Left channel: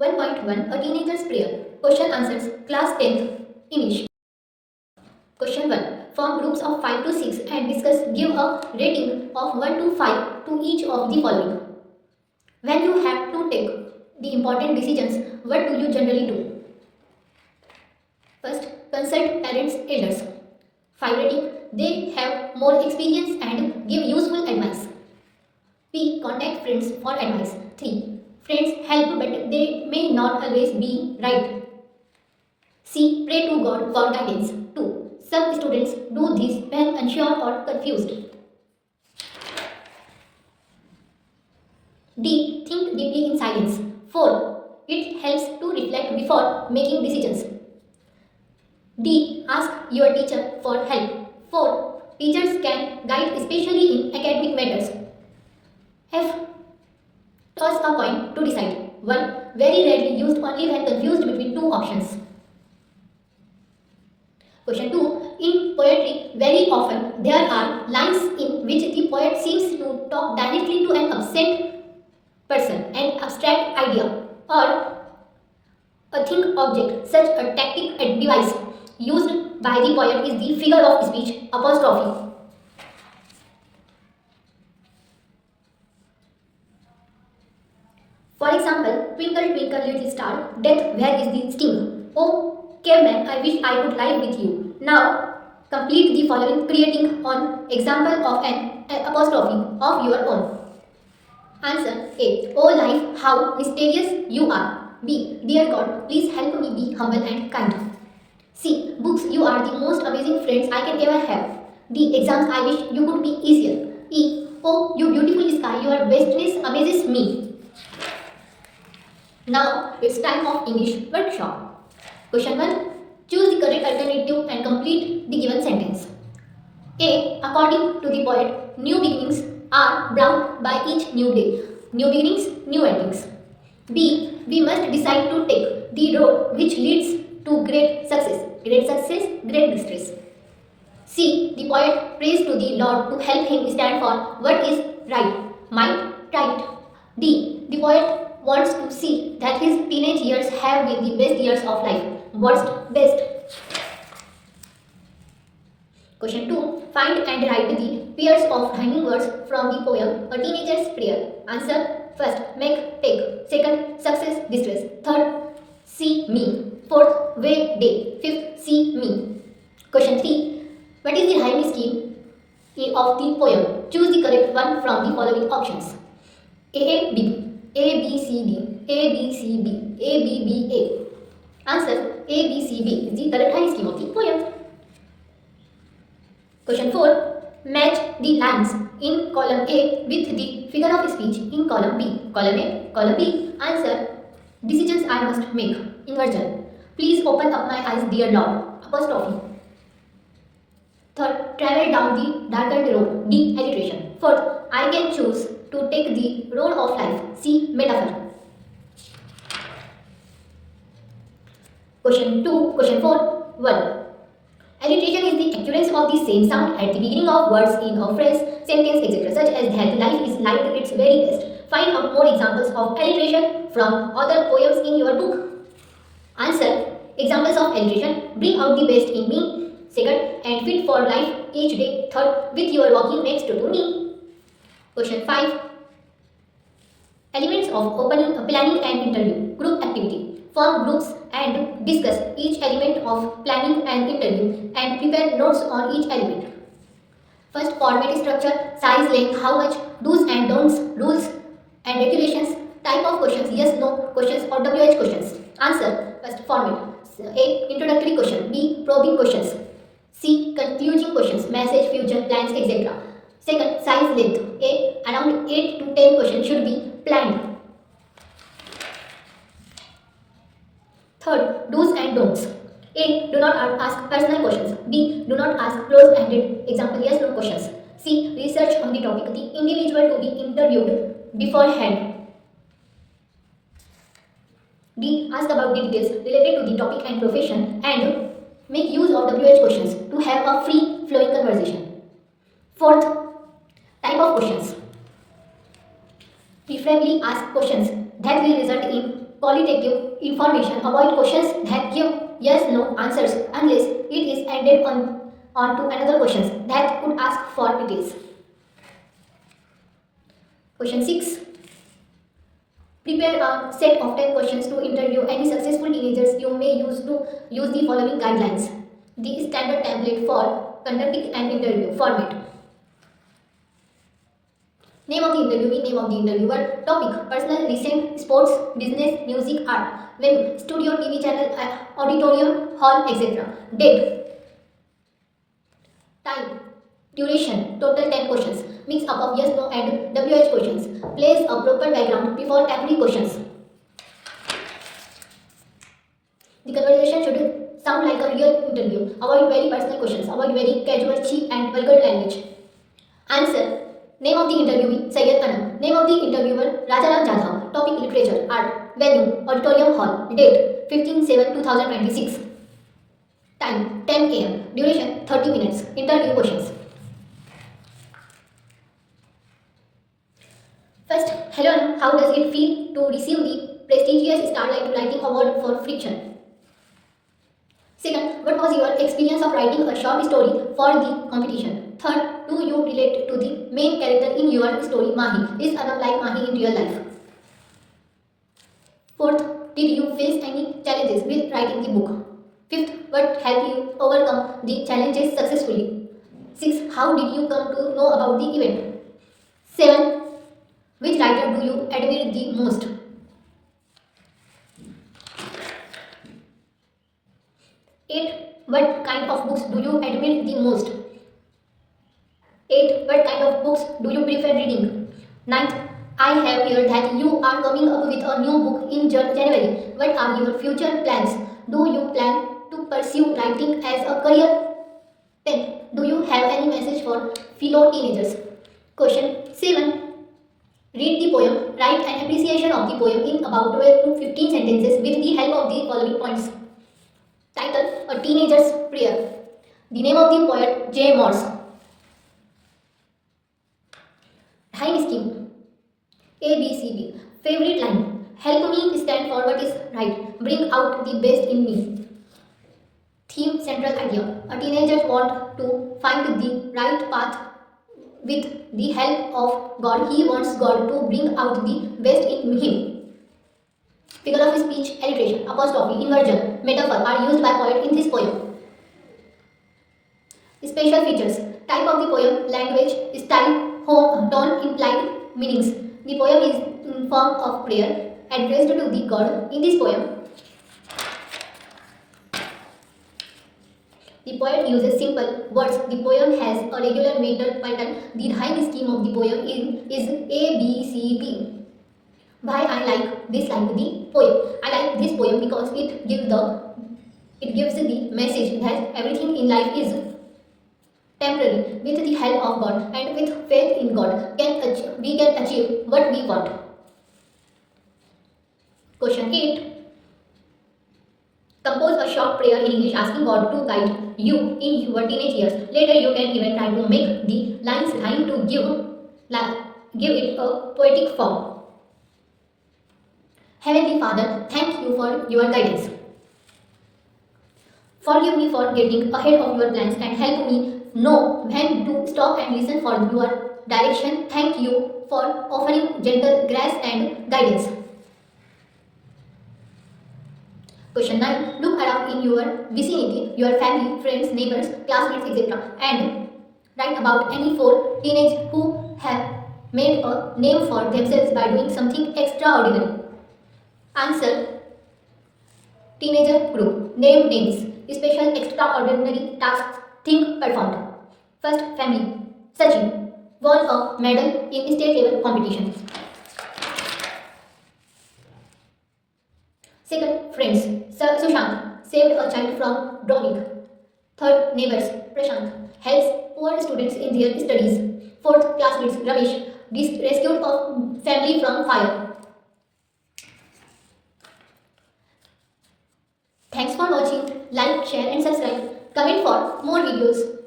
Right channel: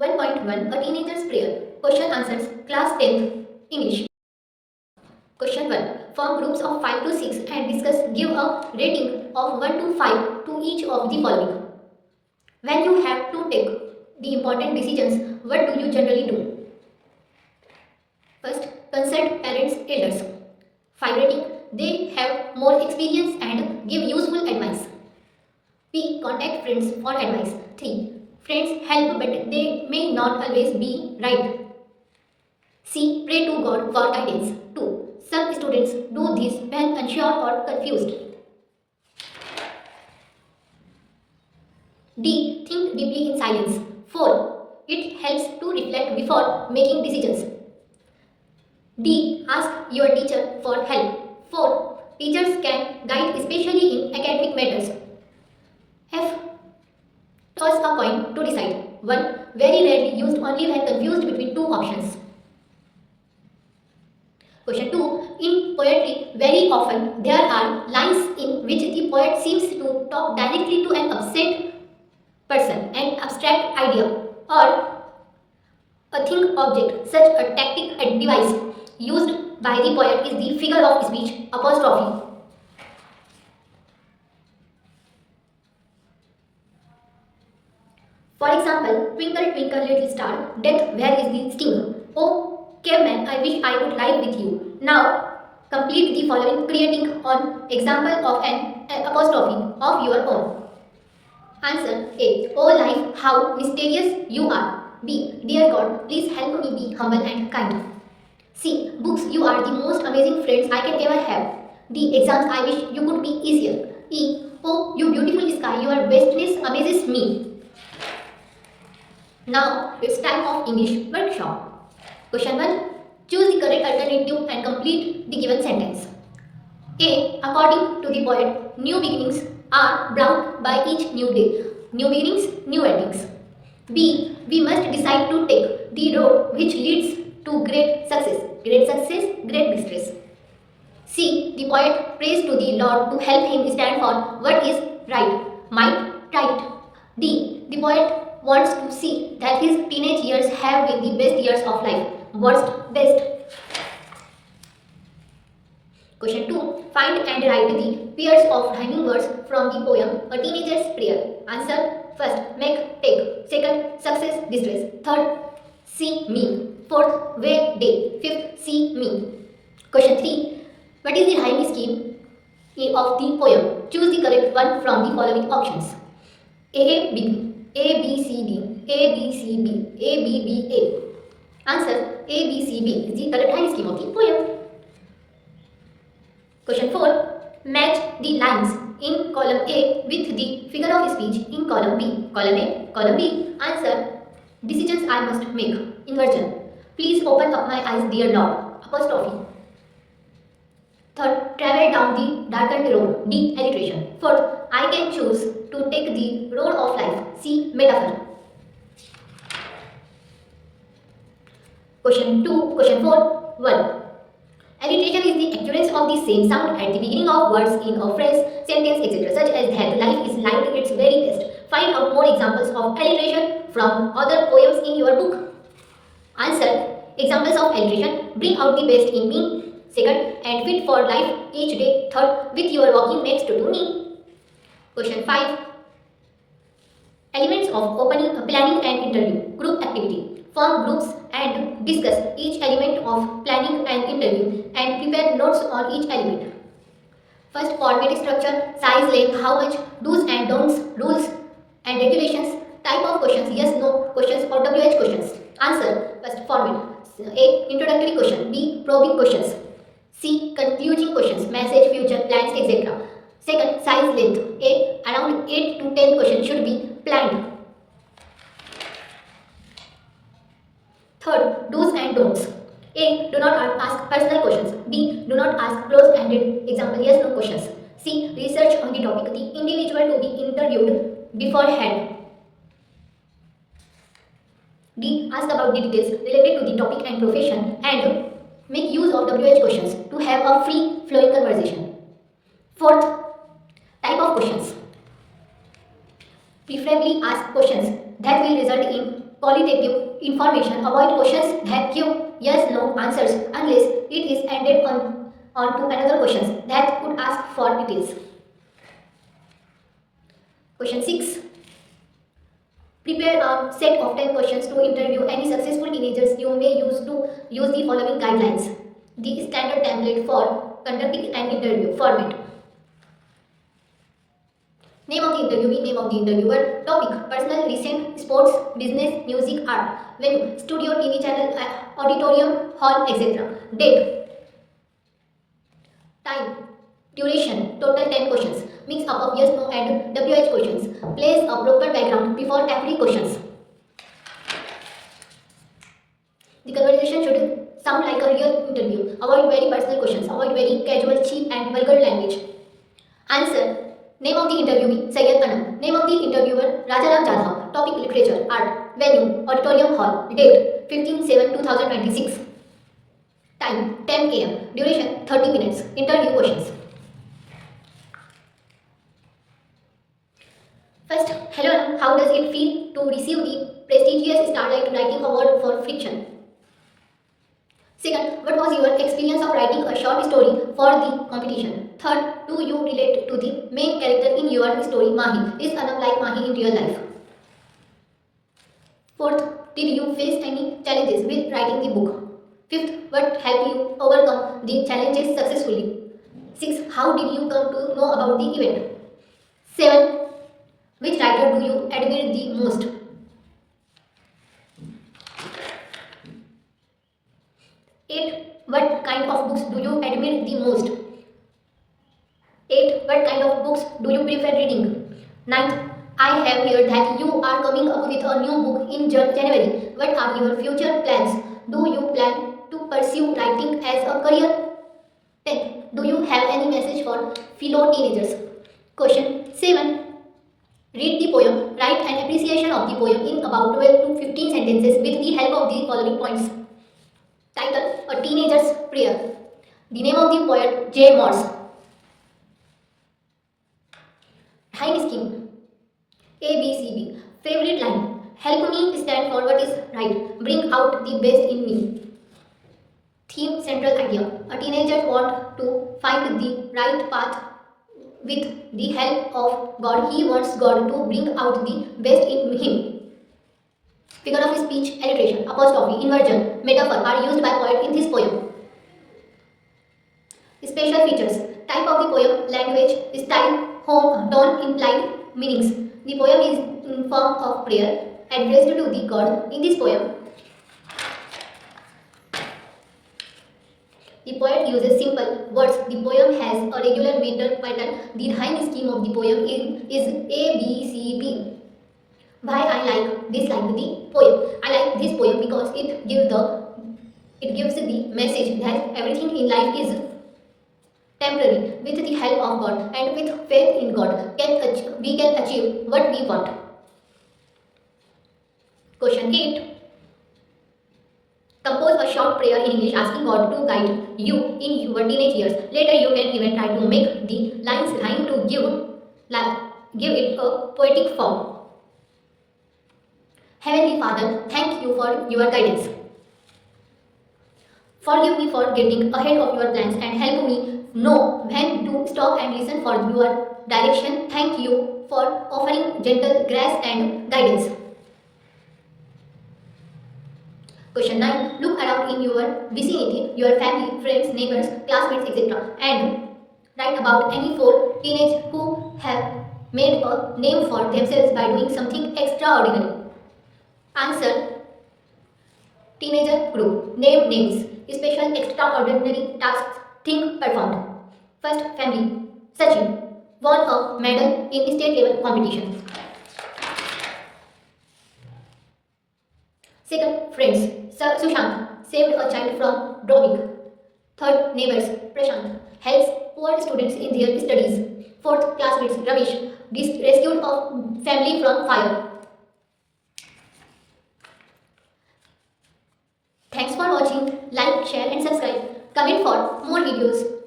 1.1 A Teenager's Prayer. Question Answers. Class 10th English. Question 1. Form groups of 5 to 6 and discuss. Give a rating of 1 to 5 to each of the following. When you have to take the important decisions, what do you generally do? First, consult parents, elders. 5 rating. They have more experience and give useful advice. P. Contact friends for advice. 3. Friends help but they may not always be right. C. Pray to God for guidance. 2. Some students do this when unsure or confused. D. Think deeply in silence. 4. It helps to reflect before making decisions. D. Ask your teacher for help. 4. Teachers can guide especially in academic matters. F. Toss a coin to decide. 1. Very rarely used only when confused between two options. Question 2. In poetry, very often there are lines in which the poet seems to talk directly to an absent person, an abstract idea, or a think object. Such a tactic device used by the poet is the figure of speech apostrophe. For example, twinkle twinkle little star, death where is the sting? Oh, caveman, I wish I could lie with you. Now, complete the following creating an example of an apostrophe of your own. Answer A. Oh life, how mysterious you are. B. Dear God, please help me be humble and kind. C. Books, you are the most amazing friends I can ever have. D. Exams, I wish you could be easier. E. Oh, you beautiful sky, your vastness amazes me. Now it's time of English workshop. Question 1. Choose the correct alternative and complete the given sentence. A. According to the poet, new beginnings are brought by each new day. New beginnings, new endings. B. We must decide to take the road which leads to great success. Great success, great distress. C. The poet prays to the Lord to help him stand for what is right. Might, right. D. The poet wants to see that his teenage years have been the best years of life. Worst, best. Question 2. Find and write the pairs of rhyming words from the poem A Teenager's Prayer. Answer. First, make, take. Second, success, distress. Third, see me. Fourth, way, day. Fifth, see me. Question 3. What is the rhyming scheme of the poem? Choose the correct one from the following options. A, B. A, B, C, D, A, B, C, B, A, B, B, A. Answer A, B, C, B is the correct rhyme scheme of the poem. Question 4. Match the lines in column A with the figure of speech in column B. Column A, column B. Answer. Decisions I must make. Inversion. Please open up my eyes, dear Lord. Apostrophe. Third, travel down the darkened road. D. Alliteration. Fourth, I can choose to take the road of life. C. Metaphor. Question 4. 1. Alliteration is the occurrence of the same sound at the beginning of words in a phrase, sentence, etc. such as that life is like its very best. Find out more examples of alliteration from other poems in your book. Answer. Examples of alliteration. Bring out the best in me. Second, and fit for life each day. Third, with your walking next to me. Question 5. Elements of opening, planning and interview. Group activity. Form groups and discuss each element of planning and interview and prepare notes on each element. First, format structure, size, length, how much, do's and don'ts, rules and regulations, type of questions, yes, no questions or WH questions. Answer. First, format. A. Introductory question. B. Probing questions. C. Concluding questions, message, future, plans, etc. Second, size, length. A. Around 8 to 10 questions should be planned. Third, do's and don'ts. A. Do not ask personal questions. B. Do not ask closed-ended, example, yes, no questions. C. Research on the topic, the individual to be interviewed beforehand. D. Ask about the details related to the topic and profession and make use of WH questions to have a free flowing conversation. Fourth, type of questions. Preferably ask questions that will result in qualitative information. Avoid questions that give yes no answers unless it is added on to another questions that could ask for details. Question 6. Prepare a set of 10 questions to interview any successful teenagers. You may use the following guidelines. The standard template for conducting an interview format. Name of the interviewee, name of the interviewer, topic, personal, recent, sports, business, music, art, venue, studio, TV channel, auditorium, hall, etc. Date, time, duration, total 10 questions. Mix up of yes, no and WH questions. Place a proper background before every questions. The conversation should sound like a real interview. Avoid very personal questions. Avoid very casual, cheap and vulgar language. Answer. Name of the interviewee, Sayyid Anam. Name of the interviewer, Rajaram Jadhav. Topic, literature, art. Venue, auditorium hall. Date, 15/7/2026. Time, 10 am. Duration, 30 minutes. Interview questions. First, hello Anam, how does it feel to receive the prestigious Starlight Writing Award for Fiction? Second, what was your experience of writing a short story for the competition? Third, do you relate to the main character in your story, Mahi? Is Anam like Mahi in real life? Fourth, did you face any challenges with writing the book? Fifth, what helped you overcome the challenges successfully? Sixth, how did you come to know about the event? 7. Which writer do you admire the most? 8. What kind of books do you admire the most? 8. What kind of books do you prefer reading? 9th, I have heard that you are coming up with a new book in January. What are your future plans? Do you plan to pursue writing as a career? 10th, do you have any message for fellow teenagers? Question 7. Read the poem. Write an appreciation of the poem in about 12 to 15 sentences with the help of the following points. Title, A Teenager's Prayer. The name of the poet, J. Morse. Time scheme, ABCD. Favorite line, help me stand for what is right. Bring out the best in me. Theme, central idea. A teenager wants to find the right path with the help of God. He wants God to bring out the best in him. Figure of speech, alliteration, apostrophe, inversion, metaphor are used by poet in this poem. Special features, type of the poem, language, style, tone, implied meanings. The poem is in form of prayer addressed to the God. In this poem, the poet uses simple words. The poem has a regular meter pattern. The rhyme scheme of the poem is A, B, C, D. Why I dislike the poem? I like this poem because it gives the message that everything in life is temporary. With the help of God and with faith in God, we can achieve what we want. Question 8. Compose a short prayer in English asking God to guide you in your teenage years. Later, you can even try to make the lines rhyme to give it a poetic form. Heavenly Father, thank you for your guidance. Forgive me for getting ahead of your plans and help me know when to stop and listen for your direction. Thank you for offering gentle grace and guidance. Question 9. Look around in your vicinity, your family, friends, neighbors, classmates, etc. and write about any 4 teenagers who have made a name for themselves by doing something extraordinary. Answer. Teenager group. Name names. Special extraordinary tasks. Think performed. First, family. Sachin won a medal in state level competition. Second, friends. Sushant saved a child from drowning. Third, neighbors. Prashant helps poor students in their studies. Fourth, classmates. Ramesh rescued a family from fire. Thanks for watching. Like, share and subscribe. Comment for more videos.